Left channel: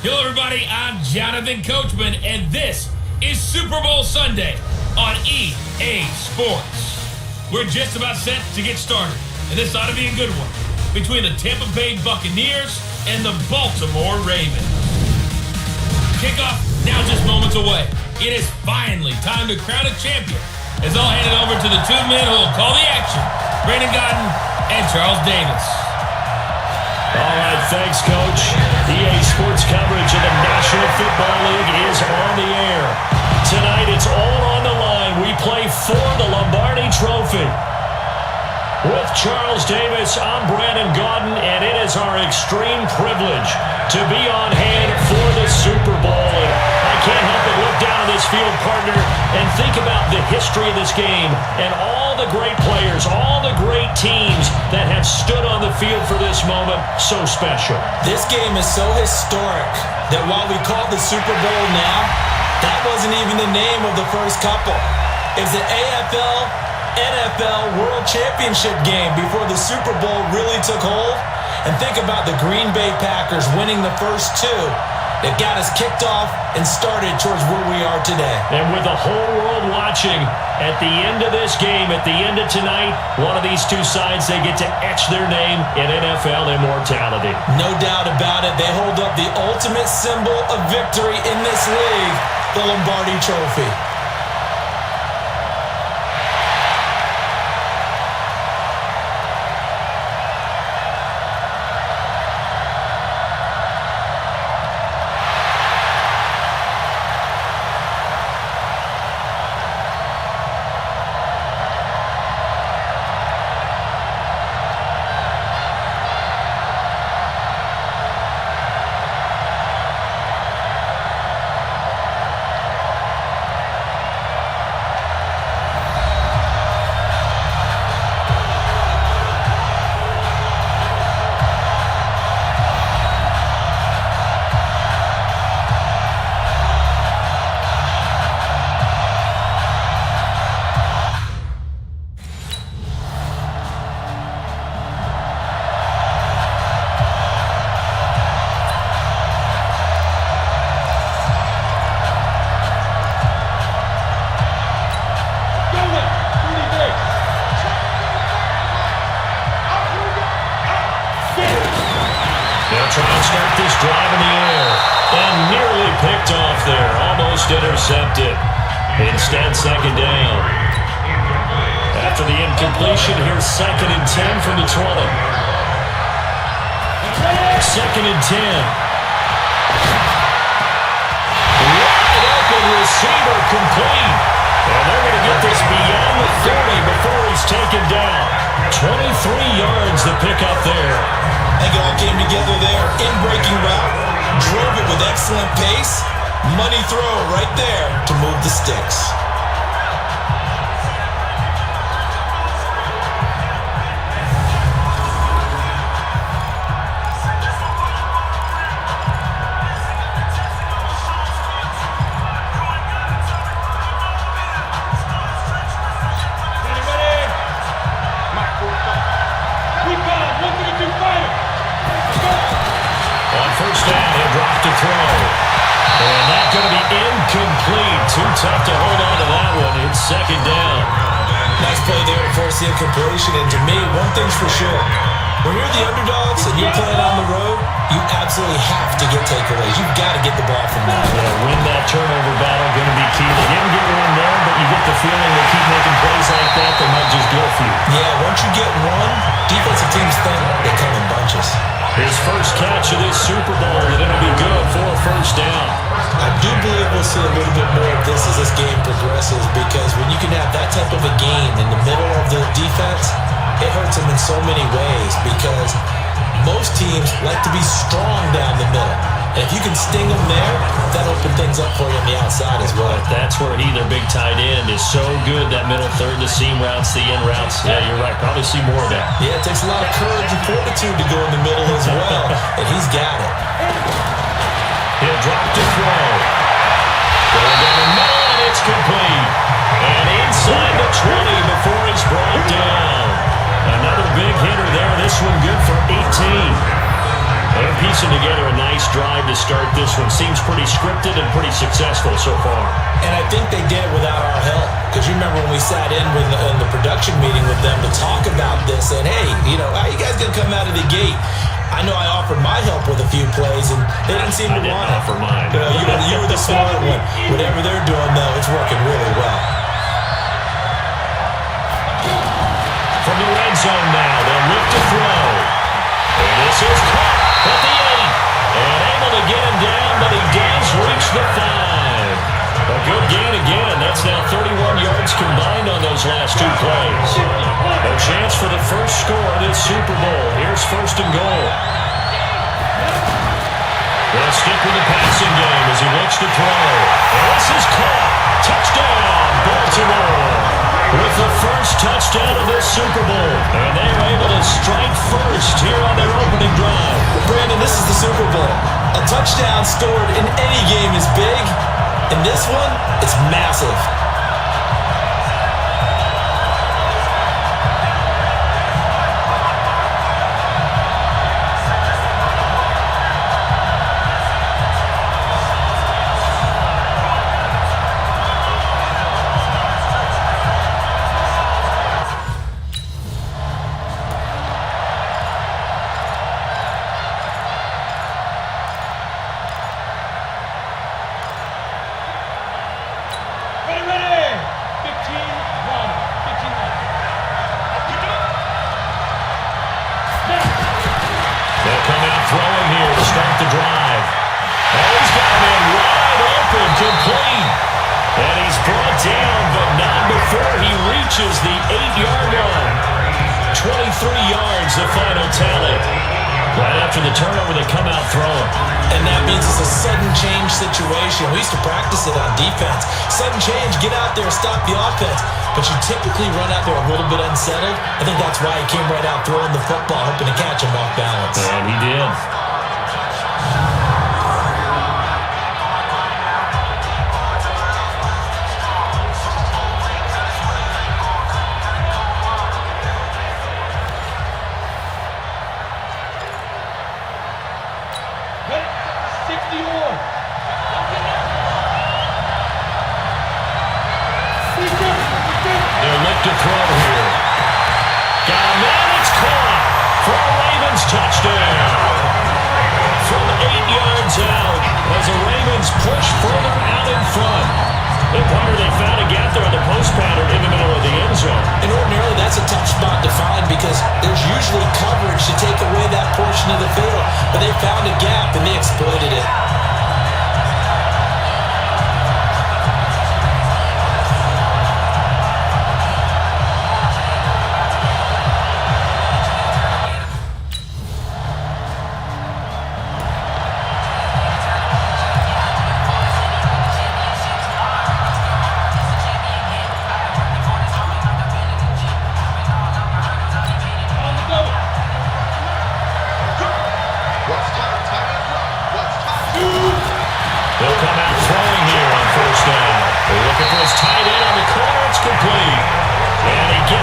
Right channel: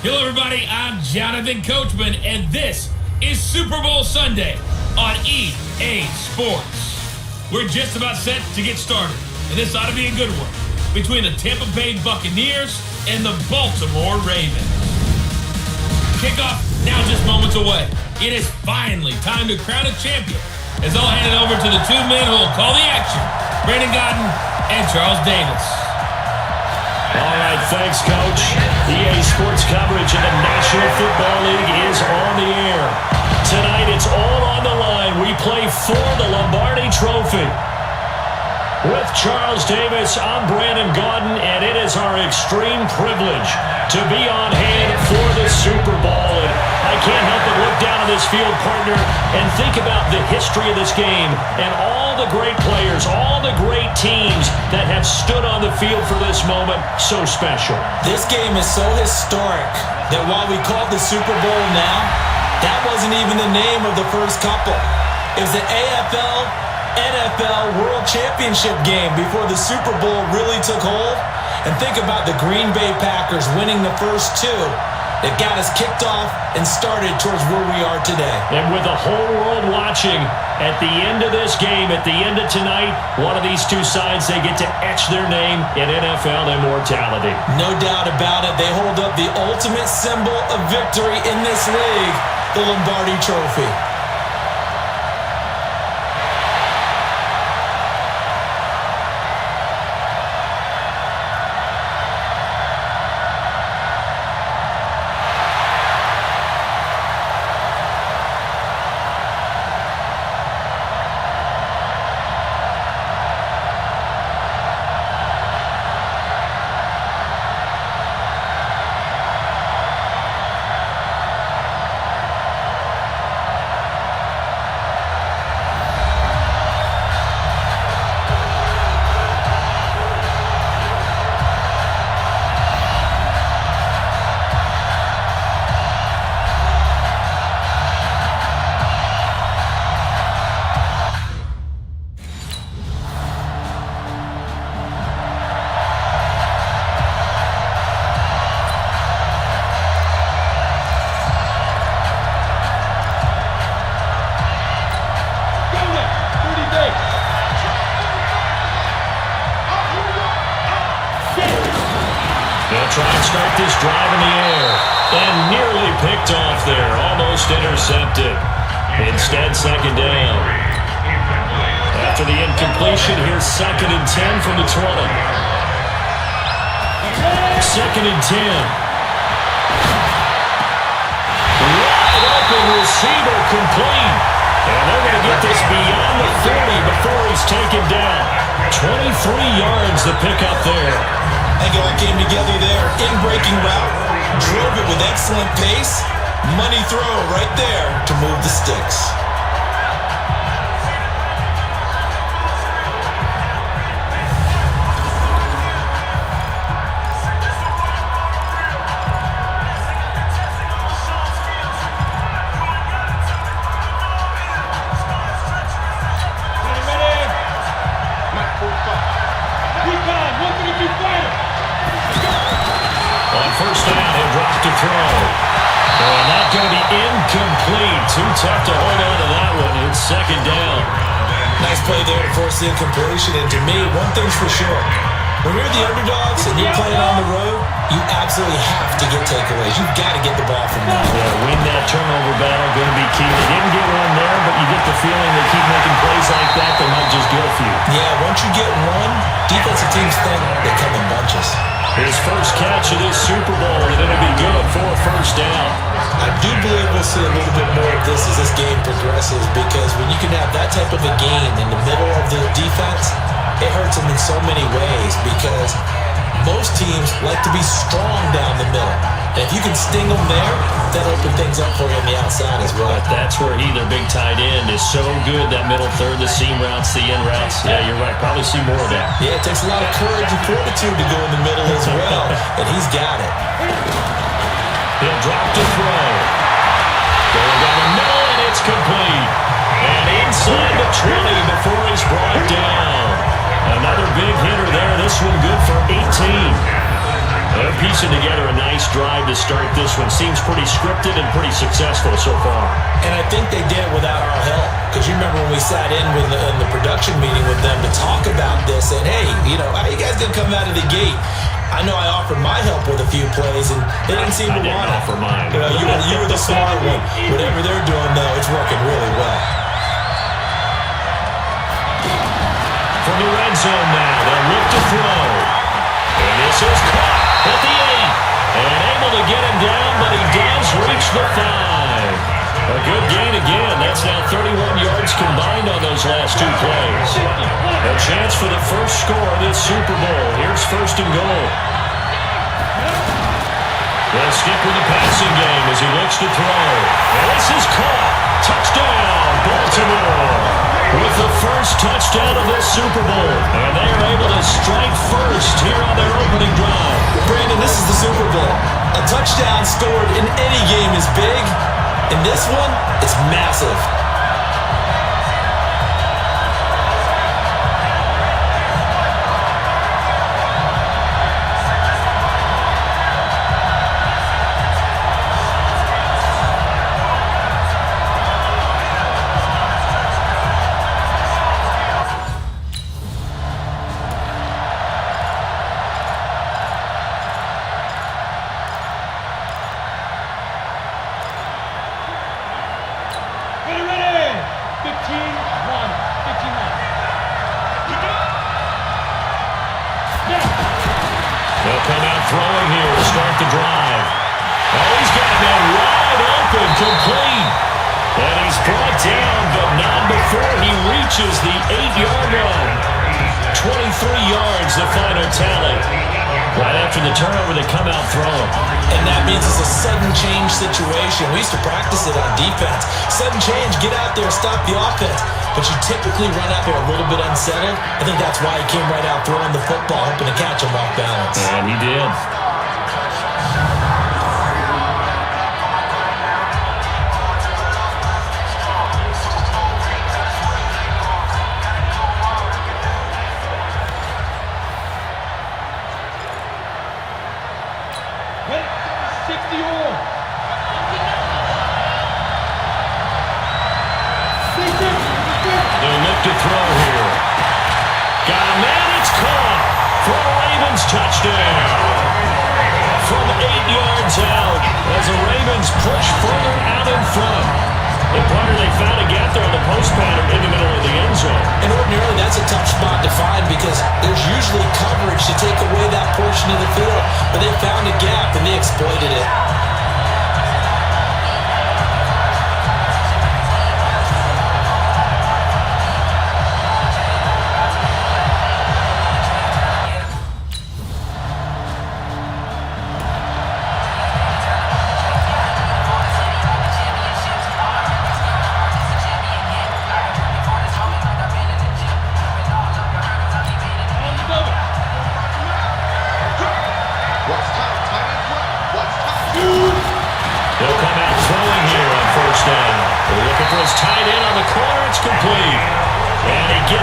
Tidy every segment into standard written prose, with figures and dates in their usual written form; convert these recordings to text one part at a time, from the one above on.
Hello, everybody. I'm Jonathan Coachman, and this is Super Bowl Sunday on EA Sports. We're just about set to get started, and this ought to be a good one between the Tampa Bay Buccaneers and the Baltimore Ravens. Kickoff now just moments away. It is finally time to crown a champion. It's all handed over to the two men who will call the action, Brandon Godden and Charles Davis. All right, thanks, Coach. EA Sports coverage of the National Football League is on the air. Tonight, it's all on the line. We play for the Lombardi Trophy. With Charles Davis, I'm Brandon Godden, and it is our extreme privilege to be on hand for the Super Bowl. I can't help but look down at this field, partner, and think about the history of this game and all the great players, all the great teams that have stood on the field for this moment. So special. This game is so historic that while we call it the Super Bowl now, that wasn't even the name of the first couple. It was the AFL NFL World Championship game before the Super Bowl really took hold. And think about the Green Bay Packers winning the first two. It got us kicked off and started towards where we are today. And with the whole world watching, at the end of this game, at the end of tonight, one of these two sides, they get to etch their name in NFL immortality. No doubt about it. They hold up the ultimate symbol of victory in this league, the Lombardi Trophy. Try and start this drive in the air. And nearly picked off there. Almost intercepted. Instead, second down. After the incompletion, here's 2nd and 10 from the 20. 2nd and 10. Wide open receiver complete. And they're going to get this beyond the 30 before he's taken down. 23 yards to pick up there. They all came together there in breaking route, drove it with excellent pace, money throw right there to move the sticks. To throw. And that's going to be incomplete. Too tough to hold on to that one. It's 2nd down. Nice play there to force the incompletion. And to me, one thing's for sure. When you're the underdogs and you're playing on the road, you absolutely have to get takeaways. You've got to get the ball from them. Yeah, win that turnover battle. Going to be key. They didn't get one there, but you get the feeling they keep making plays like that, they might just go for you. Yeah, once you get one, defensive teams think they come in bunches. His first catch of this Super Bowl, and it'll be good for a first down. I do believe we'll see a little bit more of this as this game progresses, because when you can have that type of a game in the middle of the defense, it hurts them in so many ways, because most teams like to be strong down the middle. And if you can sting them there, that opens things up for you on the outside as well. But that's where their big tight end, is so good, that middle third, the seam routes, the in routes. Yeah, you're right. Probably see more of that. Yeah, it takes a lot of courage and fortitude to go in the middle as well, and he's got it. He'll drop to throw. Going down the middle, and it's complete. And inside the 20 before he's brought down. Another big hitter there. This one good for 18. And a piece piecing together a nice drive to start this one. Seems pretty scripted and pretty successful so far. And I think they did it without our help. Because you remember when we sat in the production meeting with them to talk about this, and hey, how you guys going to come out of the gate? I know I offered my help with a few plays, and they didn't seem to want it. I didn't offer mine. You were the smart one. Whatever they're doing, though, it's working really well. From the red zone now, they'll look to throw. And this is caught at the 8. And able to get him down, but he does reach the 5. A good gain again. That's now 31 yards combined on those last 2 plays. A chance for the first score of this Super Bowl. Here's 1st and goal. They'll stick with the passing game as he looks to throw. And this is caught. Touchdown, Baltimore. With the first touchdown of this Super Bowl. And they are able to strike first here on their opening drive. Brandon, this is the Super Bowl. A touchdown scored in any game is big. In this one, it's massive. They'll come out throwing here to start the drive. Oh, he's got a man wide open, complete. And he's brought down, but not before he reaches the 8-yard line. 23 yards, the final tally. Right after the turnover, they come out throwing. And that means it's a sudden change situation. We used to practice it on defense. Sudden change, get out there, stop the offense. But you typically run out there a little bit unsettled. I think that's why he came right out throwing the football, hoping to catch him off balance. And he did. To throw here. Got a man, it's caught for a Ravens touchdown. From 8 yards out as the Ravens push further out in front. The player they found a gap there on the post pattern in the middle of the end zone. And ordinarily that's a tough spot to find because there's usually coverage to take away that portion of the field. But they found a gap and they exploited it.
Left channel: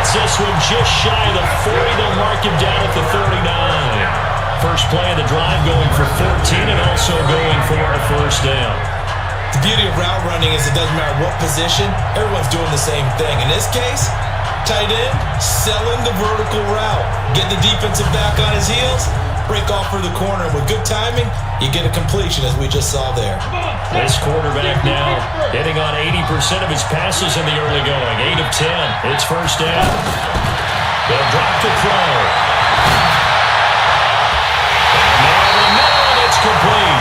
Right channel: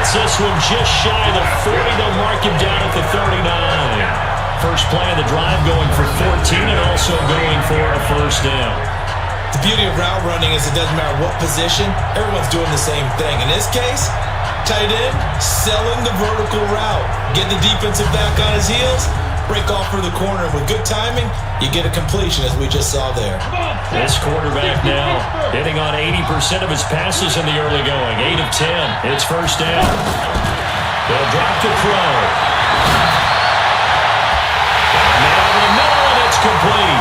This one just shy of the 40. They'll mark him down at the 39. First play of the drive going for 14 and also going for a first down. The beauty of route running is it doesn't matter what position, everyone's doing the same thing. In this case, tight end, selling the vertical route. Get the defensive back on his heels, break off for the corner. With good timing, you get a completion as we just saw there. This quarterback now hitting on 80% of his passes in the early going. 8 of 10. It's first down. They'll drop to throw. And now in the middle, and it's complete.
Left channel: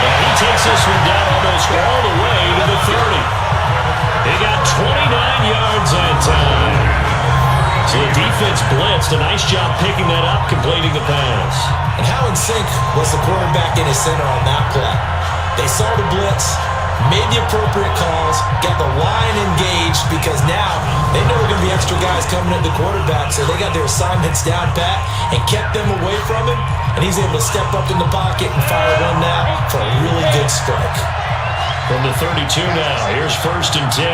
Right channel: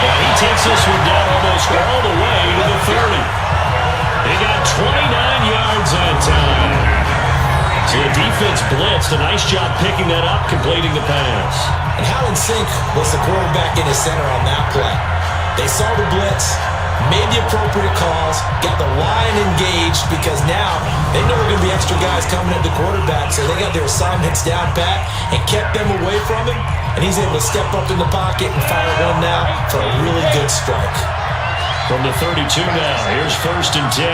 And he takes this one down almost all the way to the 30. He got 29 yards that time. So the defense blitzed. A nice job picking that up, completing the pass. And how in sync was the quarterback in his center on that play? They saw the blitz, made the appropriate calls, got the line engaged because now they know there are going to be extra guys coming at the quarterback, so they got their assignments down pat and kept them away from him, and he's able to step up in the pocket and fire one now for a really good strike. From the 32 now, here's 1st and 10.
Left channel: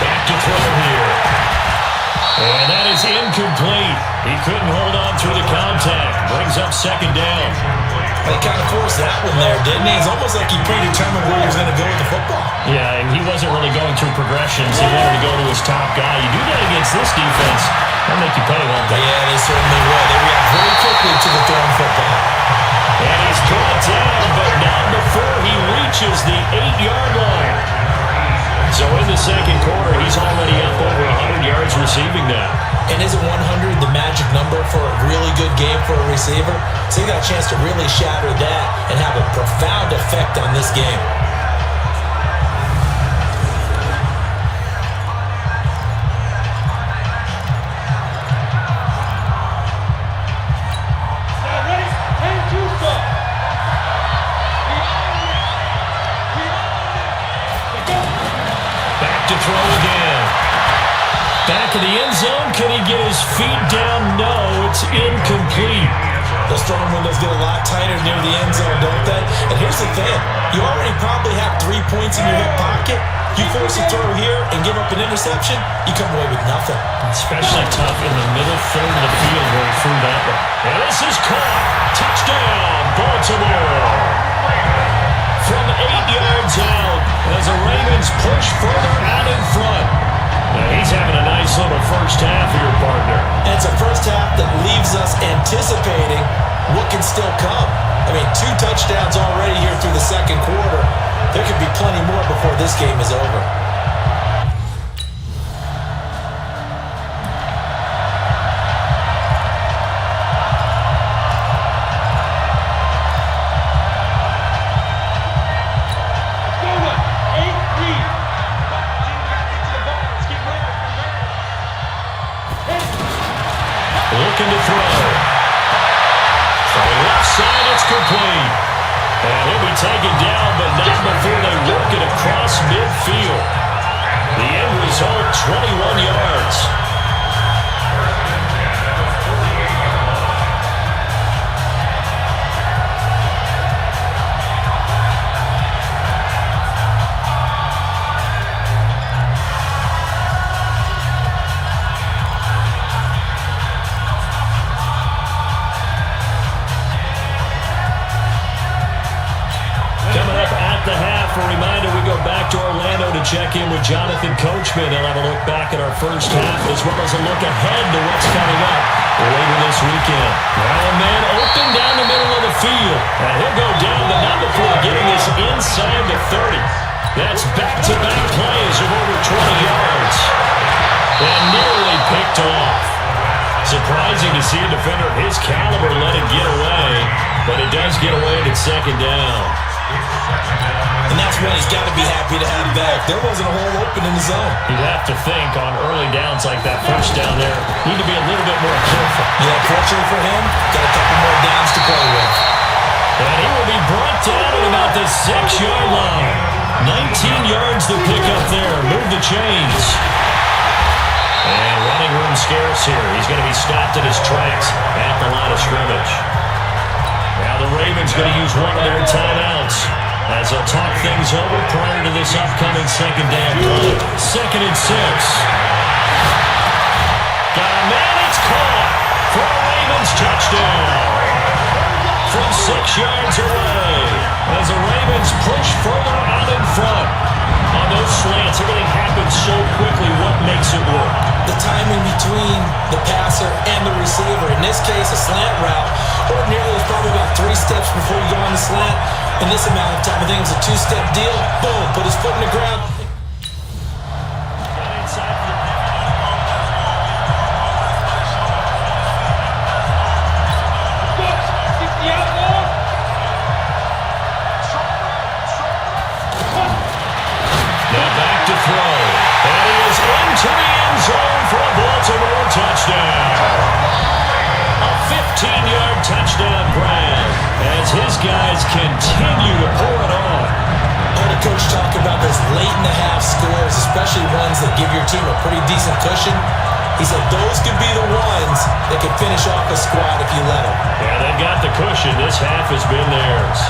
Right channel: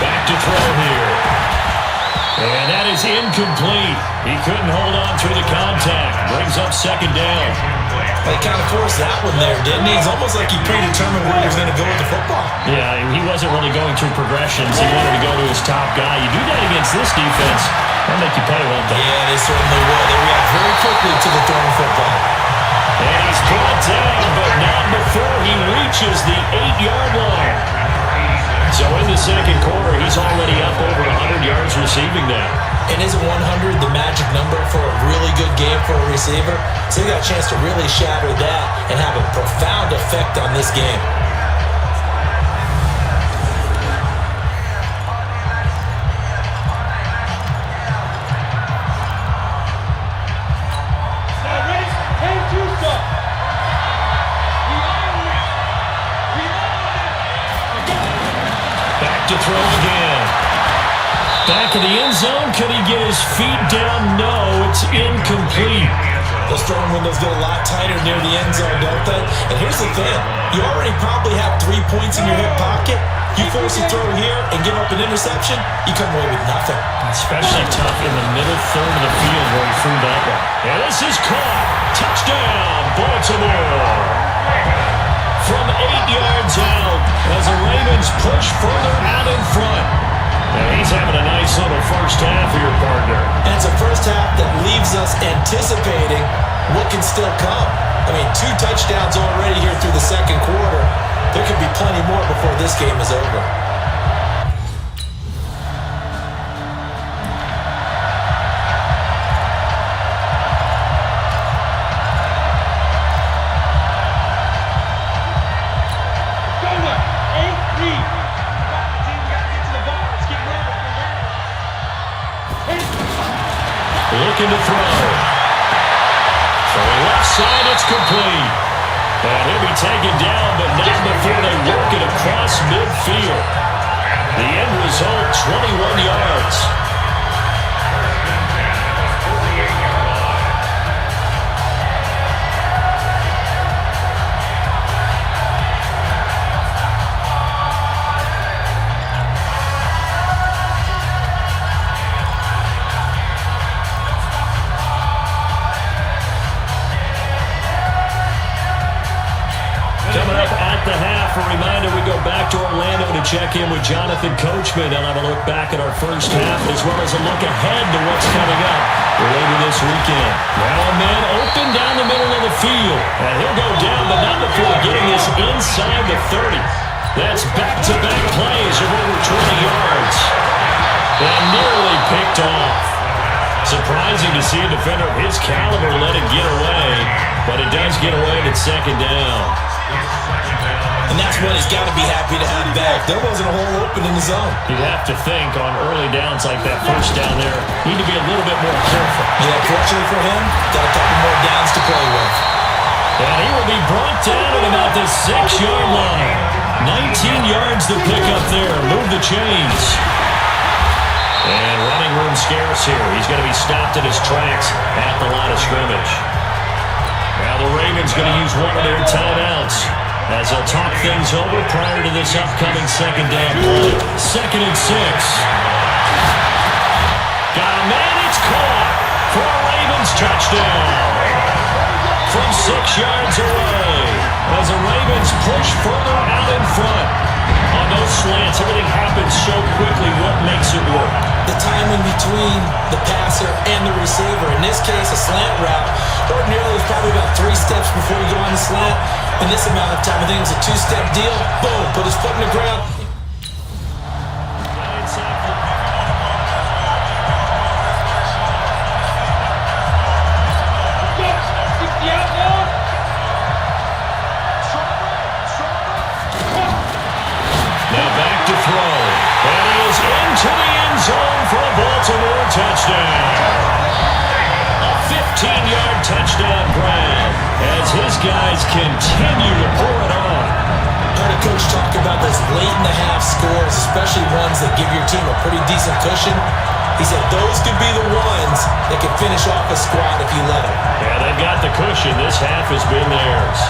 Back to throw here. And that is incomplete. He couldn't hold on through the contact. Brings up second down. They kind of forced that one there, didn't he? It's almost like he predetermined where he was going to go with the football. Yeah, he wasn't really going through progressions. He wanted to go to his top guy. You do that against this defense, they'll make you pay, won't they? Yeah, they certainly will. They react very quickly to the throwing football. And he's brought down, but not before he reaches the 8-yard line. So in the second quarter, he's already up over 100 yards receiving now. And isn't 100 the magic number for a really good game for a receiver? So he got a chance to really shatter that and have a profound effect on this game. To throw again. Back in the end zone. Could he get his feet down? No, it's incomplete. Those throwing windows get a lot tighter near the end zone, don't they? And here's the thing. You already probably have 3 points in your hip pocket. You force a throw here and give up an interception, you come away with nothing. Especially tough in the middle third of the field where he threw that one. And this is caught. Touchdown, Baltimore. From 8 yards out as the Ravens push further out in front. And he's having a nice little first half here, partner. And it's a first half that leaves us anticipating what can still come. I mean, 2 touchdowns already here through the second quarter. There could be plenty more before this game is over. Looking to throw. From the left side, it's complete. And he'll be taken down, but not before they work it across midfield. The end result, 21 yards. Check in with Jonathan Coachman. I'll have a look back at our first half as well as a look ahead to what's coming up later this weekend. Well, a man open down the middle of the field. And he'll go down, but not before getting this inside the 30. That's back-to-back plays of over 20 yards. And nearly picked off. Surprising to see a defender of his caliber let it get away, but it does get away at second down. And that's what he's got to be happy to have back. There wasn't a hole open in the zone. You'd have to think on early downs like that first down there, need to be a little bit more careful. Yeah, fortunately for him, got a couple more downs to play with. And he will be brought down at about the 6-yard line. 19 yards to pick up there. Move the chains. And running room scarce here. He's going to be stopped in his tracks at the line of scrimmage. Now the Ravens going to use one of their timeouts as they'll talk things over prior to this upcoming second down play. 2nd and 6. Got a man, it's caught for a Ravens touchdown. From 6 yards away as the Ravens push further out in front. On those slants, everything happens so quickly. What makes it work? The timing between the passer and the receiver. In this case, a slant route. Ordinarily, it's probably about 3 steps before you go on the slant. In this amount of time, I think it's a 2-step deal. Boom, put his foot in the ground. Now back to throw. And he is into the end zone for a Baltimore touchdown. A 15-yard touchdown grab as his guys continue to pour it on. I heard a coach talk about those late-in-the-half scores, especially ones that give your team a pretty decent cushion. He said those could be the ones that could finish off a squad if you let them. Yeah, they've got the cushion. This half has been theirs.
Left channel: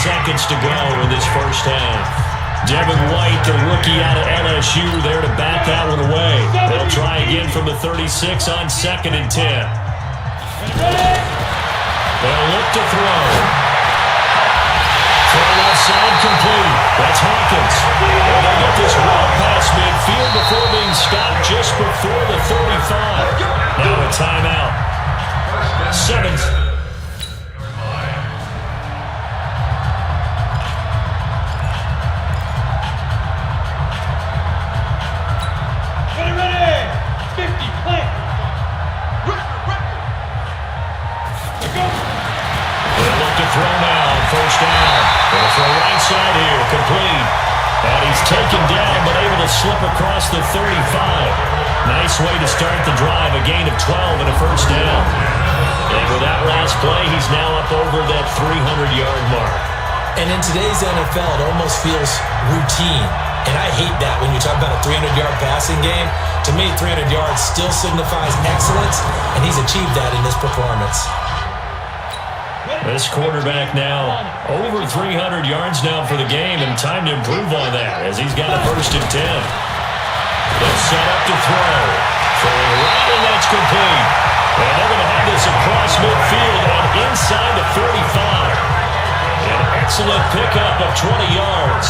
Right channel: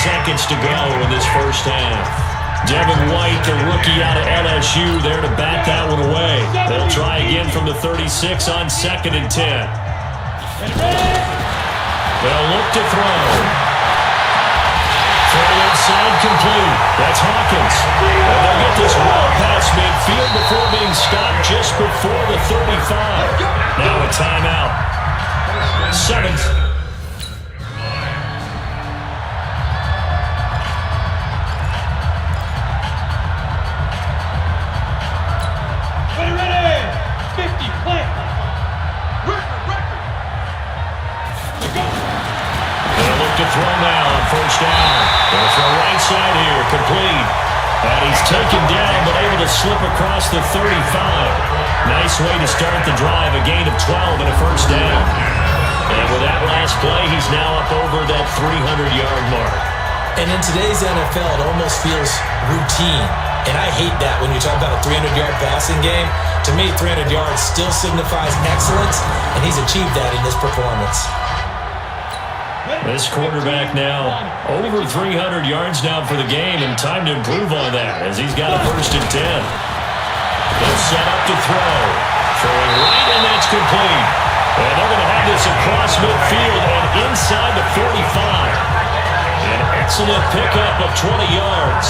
seconds to go in this first half. Devin White, the rookie out of LSU, there to bat that one away. They'll try again from the 36 on 2nd and 10. They'll look to throw. Throw outside complete. That's Hawkins. And they'll get this well past midfield before being stopped just before the 35. Now a timeout. 7th. Throw now on first down. Going to throw right side here, complete. And he's taken down, but able to slip across the 35. Nice way to start the drive, a gain of 12 and a first down. And with that last play, he's now up over that 300-yard mark. And in today's NFL, it almost feels routine. And I hate that when you talk about a 300-yard passing game. To me, 300 yards still signifies excellence, and he's achieved that in this performance. This quarterback now over 300 yards now for the game, and time to improve on that as he's got a 1st and 10. They'll set up to throw. Throwing right, and that's complete. And they're going to have this across midfield and inside the 45. An excellent pickup of 20 yards.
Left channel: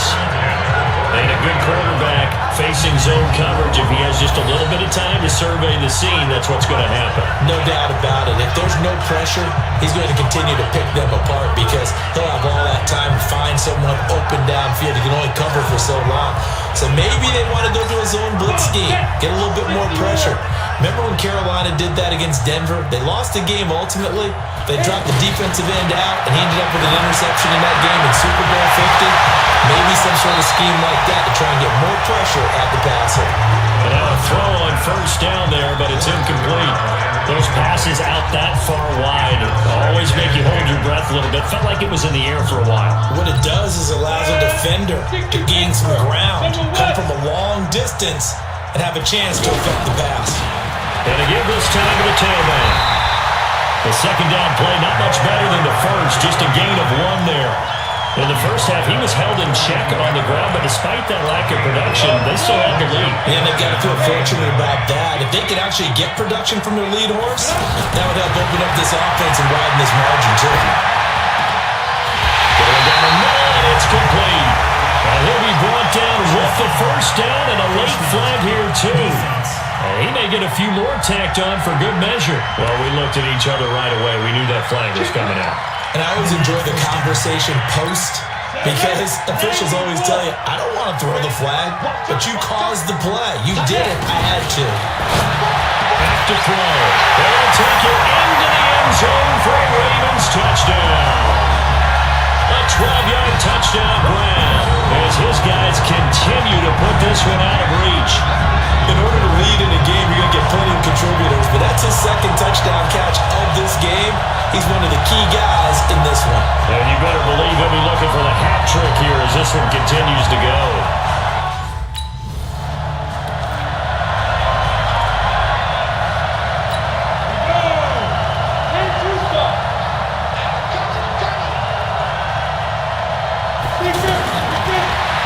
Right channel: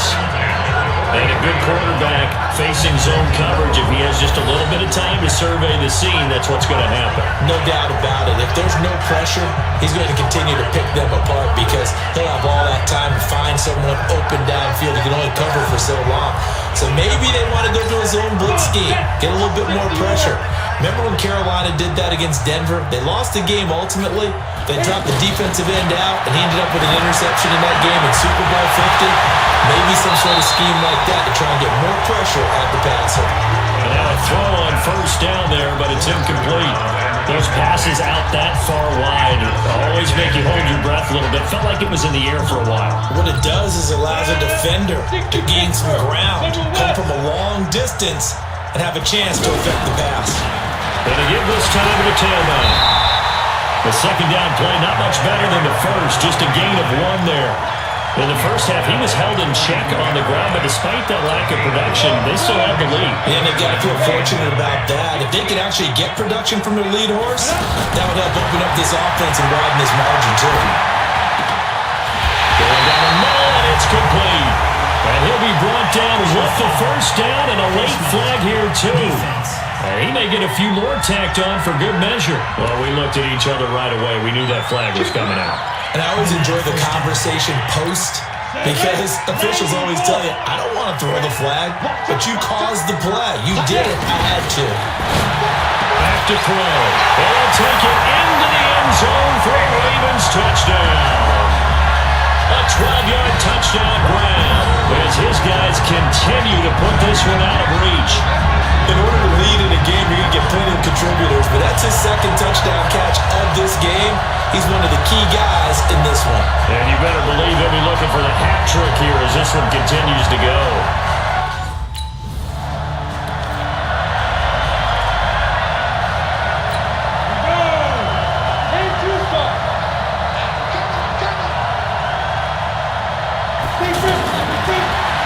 And a good quarterback facing zone coverage. If he has just a little bit of time to survey the scene, that's what's going to happen. No doubt about it. If there's no pressure, he's going to continue to pick them apart because he'll have all that time to find someone open downfield. He can only cover for so long. So maybe they want to go to his own blitz scheme, get a little bit more pressure. Remember when Carolina did that against Denver? They lost the game ultimately. They dropped the defensive end out, and he ended up with an interception in that game in Super Bowl 50. Maybe some sort of scheme like that to try and get more pressure at the passer. And now a throw on first down there, but it's incomplete. Those passes out that far wide always make you hold your breath a little bit. Felt like it was in the air for a while. What it does is allows a defender to gain some ground, come from a long distance, and have a chance to affect the pass. And again this time to the tailback. The second down play, not much better than the first, just a gain of 1 there. In the first half, he was held in check on the ground, but despite that lack of production, they still have the lead. And they've got to feel fortunate about that. If they could actually get production from their lead horse, that would help open up this offense and widen this margin, too. Going down the middle, and it's complete. And he'll be brought down with the first down and a late flag here, too. And he may get a few more tacked on for good measure. Well, we looked at each other right away. We knew that flag was coming out. And I always enjoy the conversation post because officials always tell you, I don't want to throw the flag, but you caused the play. You did it. I had to. Back to throw. They'll take it into the end zone for a Ravens touchdown. A 12-yard touchdown grab as his guys continue to put this one out of reach. In order to lead in a game, you're going to get plenty of contributors, but that's his second touchdown catch of this game. He's one of the key guys in this one. And you better believe he'll be looking for the hat trick here as this one continues to go.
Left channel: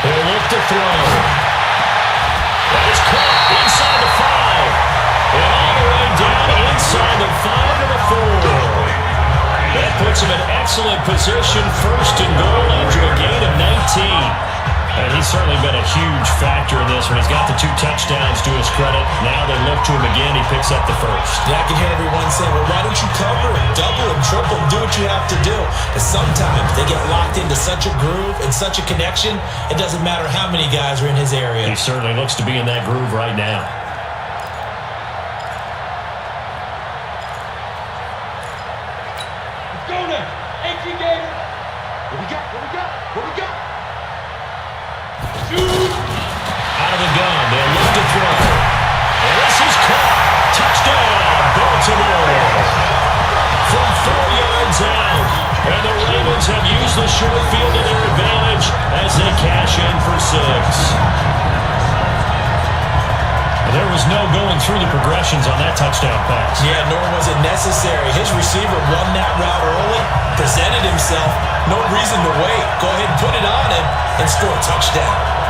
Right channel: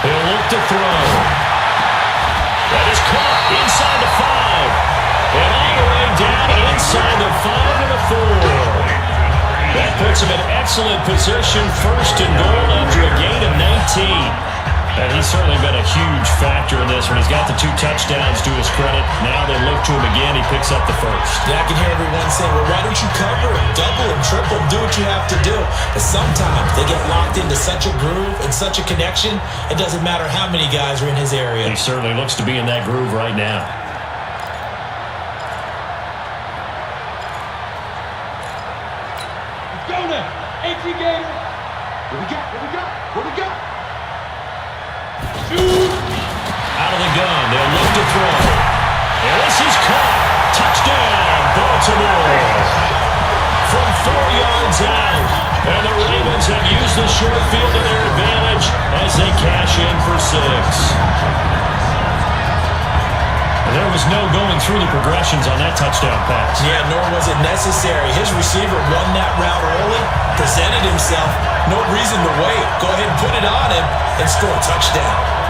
He'll look to throw. That is caught inside the 5. And all the way down inside the 5 and a 4. That puts him in excellent position, first and goal after a gain of 19. And he's certainly been a huge factor in this one. He's got the 2 touchdowns to his credit. Now they look to him again. He picks up the first. Yeah, I can hear everyone saying, well, why don't you cover it, double and triple, do what you have to do. But sometimes they get locked into such a groove and such a connection, it doesn't matter how many guys are in his area. He certainly looks to be in that groove right now. Out of the gun, they'll look to throw. And this is caught. Touchdown, Baltimore. From 4 yards out. And the Ravens have used the short field to their advantage as they cash in for 6. And There was no going through the progressions on that touchdown pass. Yeah, nor was it necessary. His receiver run that route early, presented himself. No reason to wait. Go ahead and put it on him and score a touchdown.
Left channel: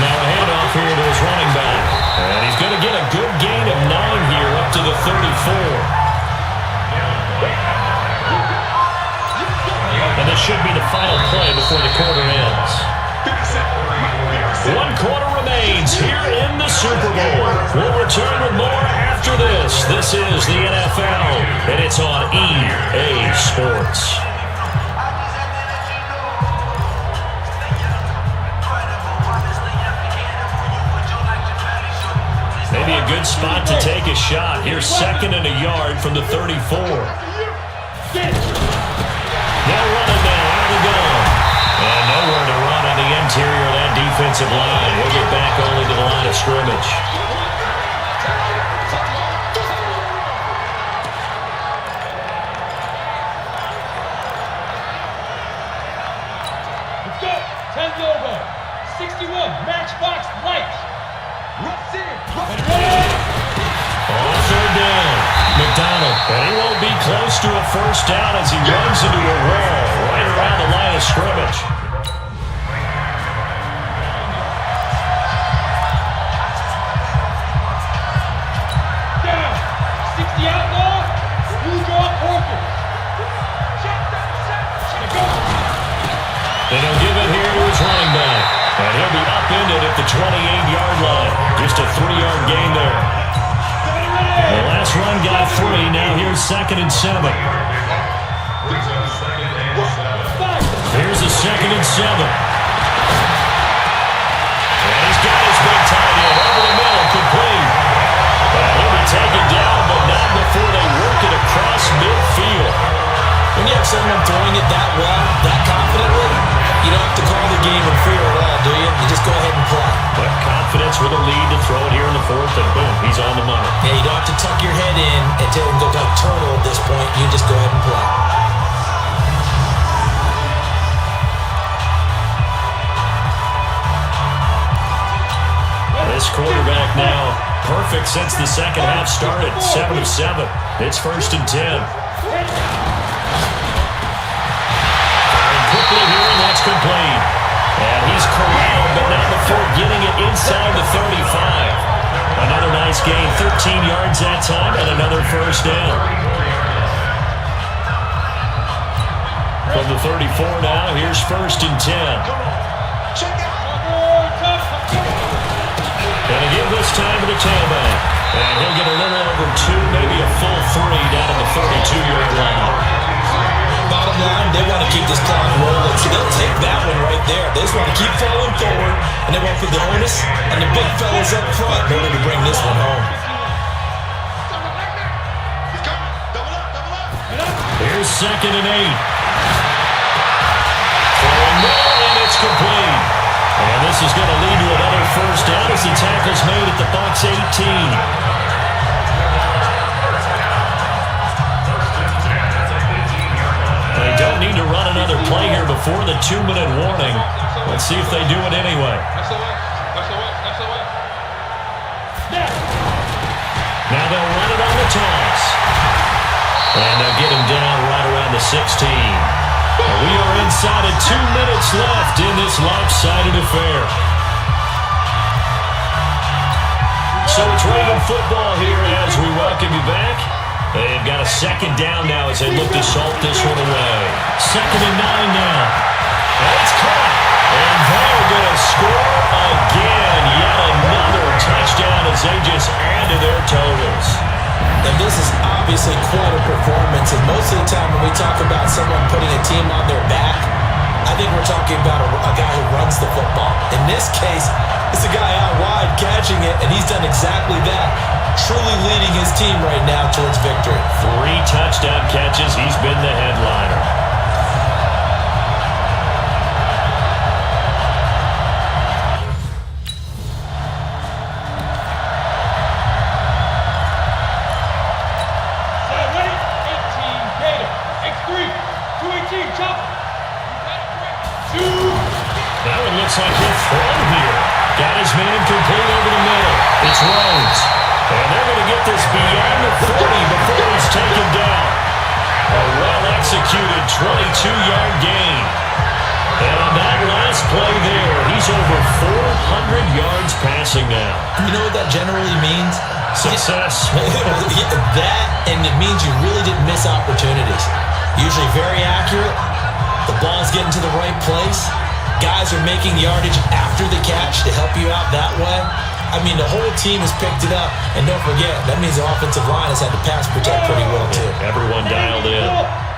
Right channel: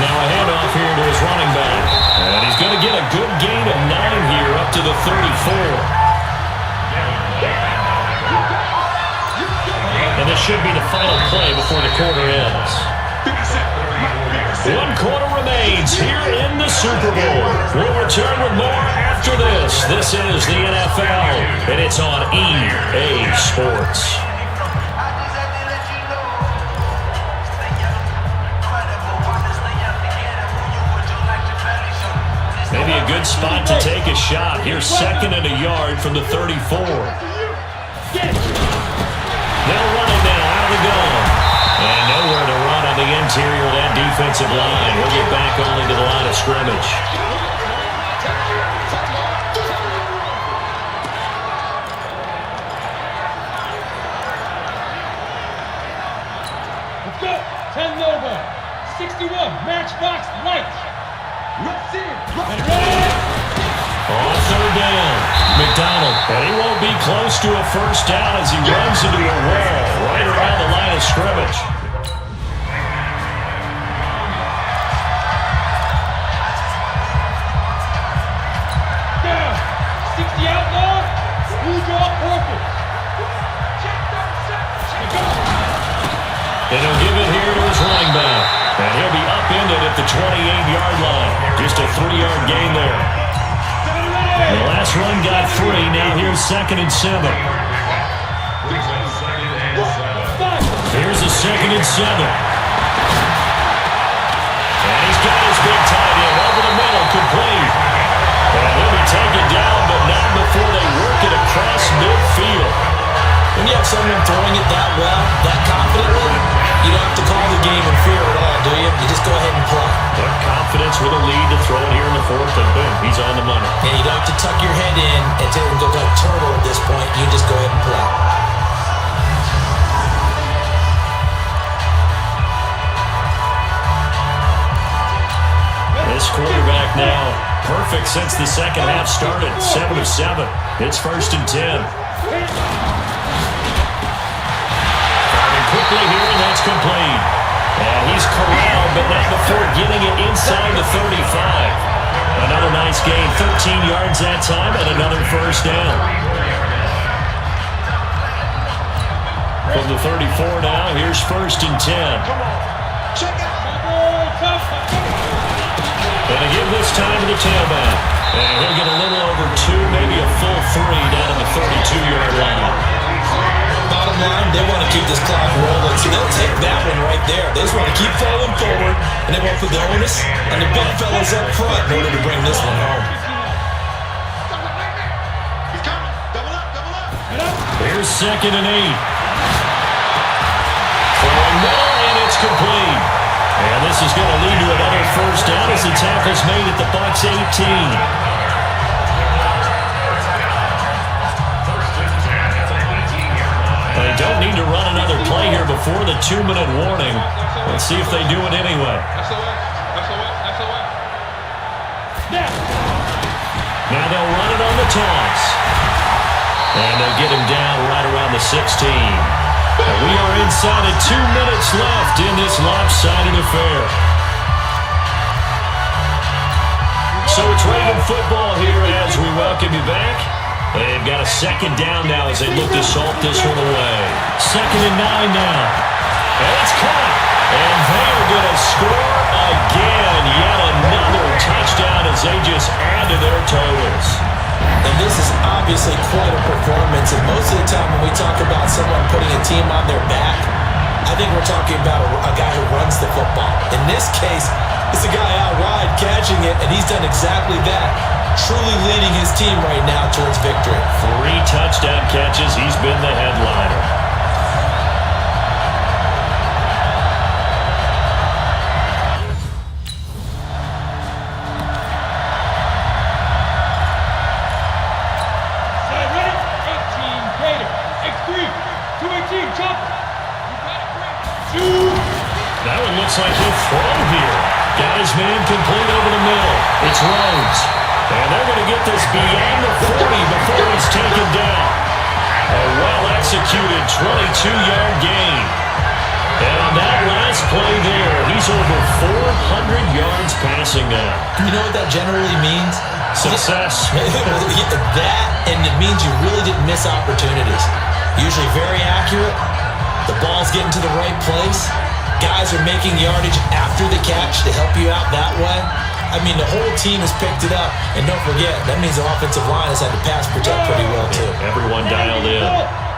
Now a handoff here to his running back. And he's going to get a good gain of 9 here up to the 34. And this should be the final play before the quarter ends. 1 quarter remains here in the Super Bowl. We'll return with more after this. This is the NFL, and it's on EA Sports. Maybe a good spot to take a shot. Here's 2nd and a yard from the 34. They'll run it now. Out of the gun. And nowhere to run on the interior of that defensive line. We'll get back only to the line of scrimmage. Let's go. 10 logo. 61. Matchbox light. On 3rd down, McDonald. And he won't be close to a first down as he runs into a wall right around the line of scrimmage. Down. 60 outlaw. Who's your orphan? And he'll give it here to his running back. And he'll be upended at the 28-yard line. Just a 3-yard gain there. The last run got 3. Now here's 2nd and 7. Here's a 2nd and 7. And he's got his big tight end over the middle, complete. And he'll be taken down, but not before they work it across midfield. When you have someone throwing it that well, that confidently, you don't have to call the game in fear at all, do you? You just go ahead and play. But confidence with a lead to throw it here in the 4th, and boom, he's on the money. Yeah, you don't have to tuck your head in and tell him to go turtle at this point. You just go ahead and play. This quarterback now, perfect since the second half started. 7 of 7. It's 1st and 10. Quickly here, and that's complete. And he's corralled, but not before getting it inside the 35. Another nice gain, 13 yards that time, and another first down. From the 34 now, here's 1st and 10. And again this time to the tailback. And he'll get a little over 2, maybe a full 3 down on the 32-yard line. Bottom line, they want to keep this clock rolling, so they'll take that one right there. They just want to keep falling forward, and they want to put the onus on the big fellas up front in order to bring this one home. Here's 2nd and 8. Throwing more, and it's complete. And this is going to lead to another first down as the tackle's made at the Bucs 18. They don't need to run another play here before the 2-minute warning. Let's see if they do it anyway. Now they'll run it on the toss. And they'll get him down right around the 16. We are inside of 2 minutes left in this lopsided affair. So it's Raven football here as we welcome you back. They've got a 2nd down now as they look to salt this one away. 2nd and 9 now. And it's caught. And they're going to score again. Yet another touchdown as they just add to their totals. And this is obviously quite a performance. And most of the time when we talk about someone putting a team on their back, I think we're talking about a guy who runs the football. In this case, it's a guy out wide catching it, and he's done exactly that. Truly leading his team right now towards victory. 3 touchdown catches. He's been the headliner. get this beyond the 40 before he's taken down. A well-executed 22-yard gain. And on that last play there, he's over 400 yards passing now. You know what that generally means? Success. That, and it means you really didn't miss opportunities. Usually very accurate. The ball's getting to the right place. Guys are making yardage after the catch to help you out that way. I mean, the whole team has picked it up. And don't forget, that means the offensive line has had to pass protect pretty well, too. Everyone dialed in.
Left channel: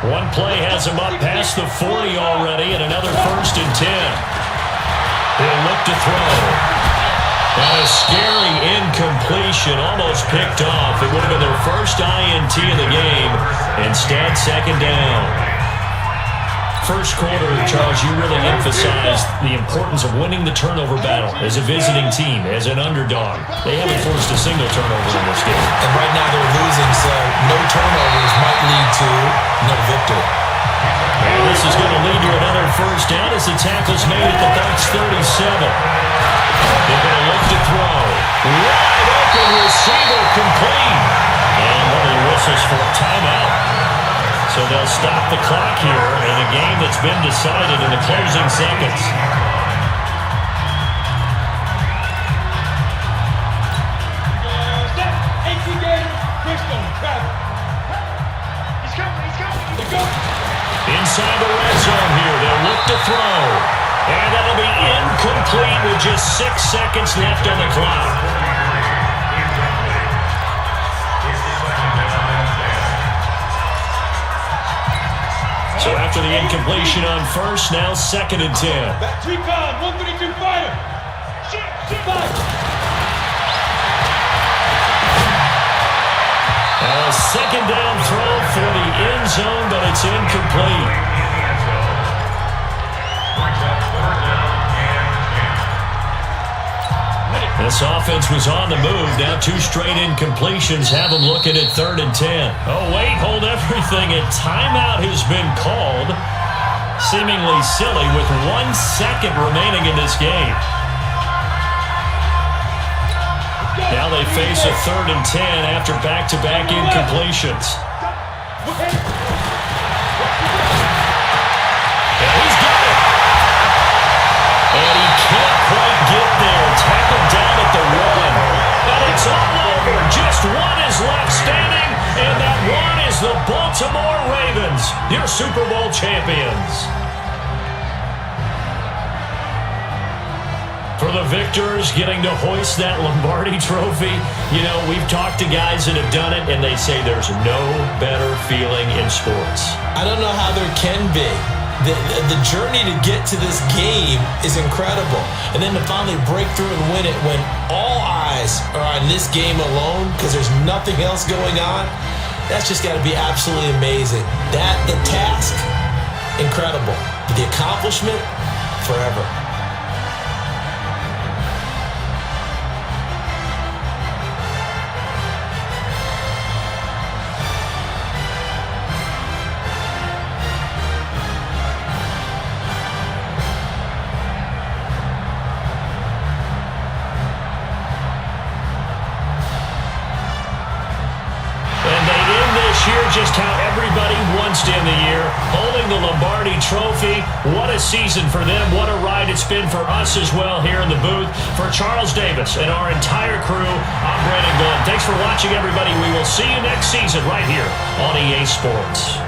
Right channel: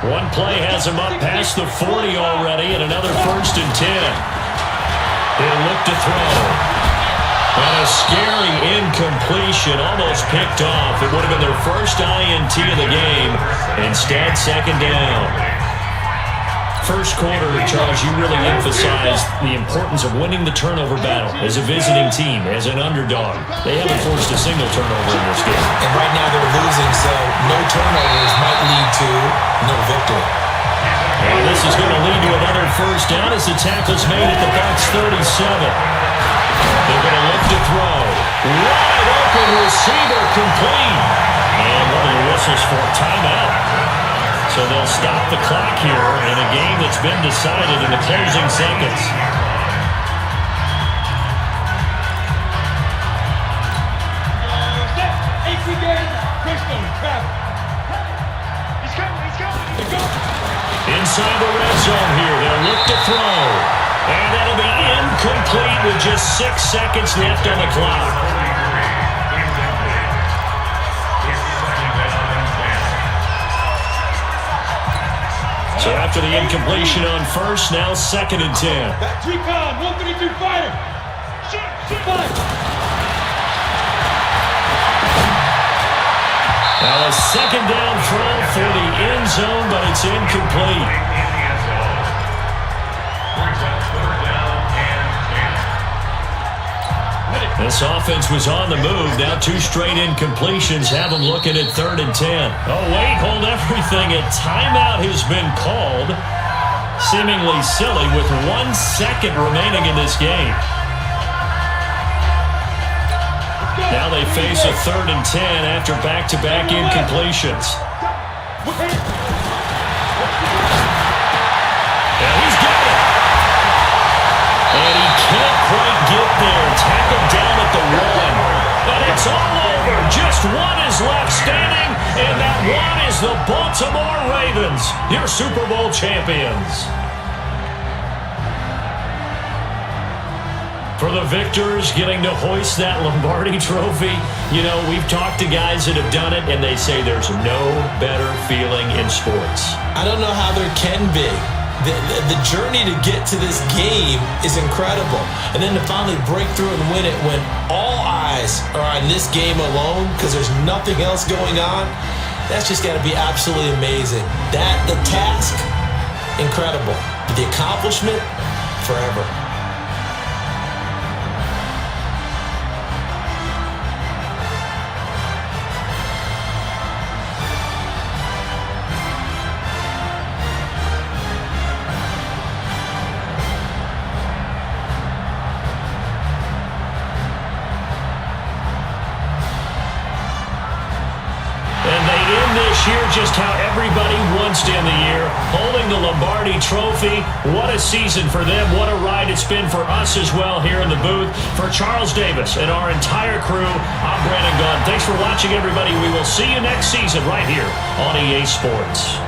One play has him up past the 40 already, and another 1st and 10. He'll look to throw. And a scary incompletion, almost picked off. It would have been their first INT of the game. Instead, 2nd down. First quarter, Charles, you really emphasized the importance of winning the turnover battle as a visiting team, as an underdog. They haven't forced a single turnover in this game. And right now they're losing, so no turnovers might lead to no victory. And this is going to lead to another 1st down as the tackle's made at the Bucs 37. They're going to look to throw. Wide open receiver complete. And one of the whistles for a timeout. So they'll stop the clock here in a game that's been decided in the closing seconds. Inside the red zone here, they'll look to throw. And that'll be incomplete with just 6 seconds left on the clock. So after the incompletion on 1st, now 2nd and 10. Back recon, 132 fire. A 2nd down throw for the end zone, but it's incomplete. This offense was on the move. Now 2 straight incompletions have them looking at 3rd and 10. Oh, wait, hold everything. A timeout has been called. Seemingly silly with 1 second remaining in this game. Now they face a 3rd and 10 after back-to-back incompletions. And he's got it. And he can't quite get there. Tackled down at the 1. And it's all over. Just 1 is left standing. And that 1 is the Baltimore Ravens, your Super Bowl champions. For the victors, getting to hoist that Lombardi trophy, you know, we've talked to guys that have done it, and they say there's no better feeling in sports. I don't know how there can be. The journey to get to this game is incredible. And then to finally break through and win it when all eyes are on this game alone because there's nothing else going on, that's just got to be absolutely amazing. The task, incredible. But the accomplishment, forever. Just how everybody wants to end the year, holding the Lombardi trophy. What a season for them. What a ride it's been for us as well here in the booth. For Charles Davis and our entire crew, I'm Brandon Gunn. Thanks for watching, everybody. We will see you next season right here on EA Sports.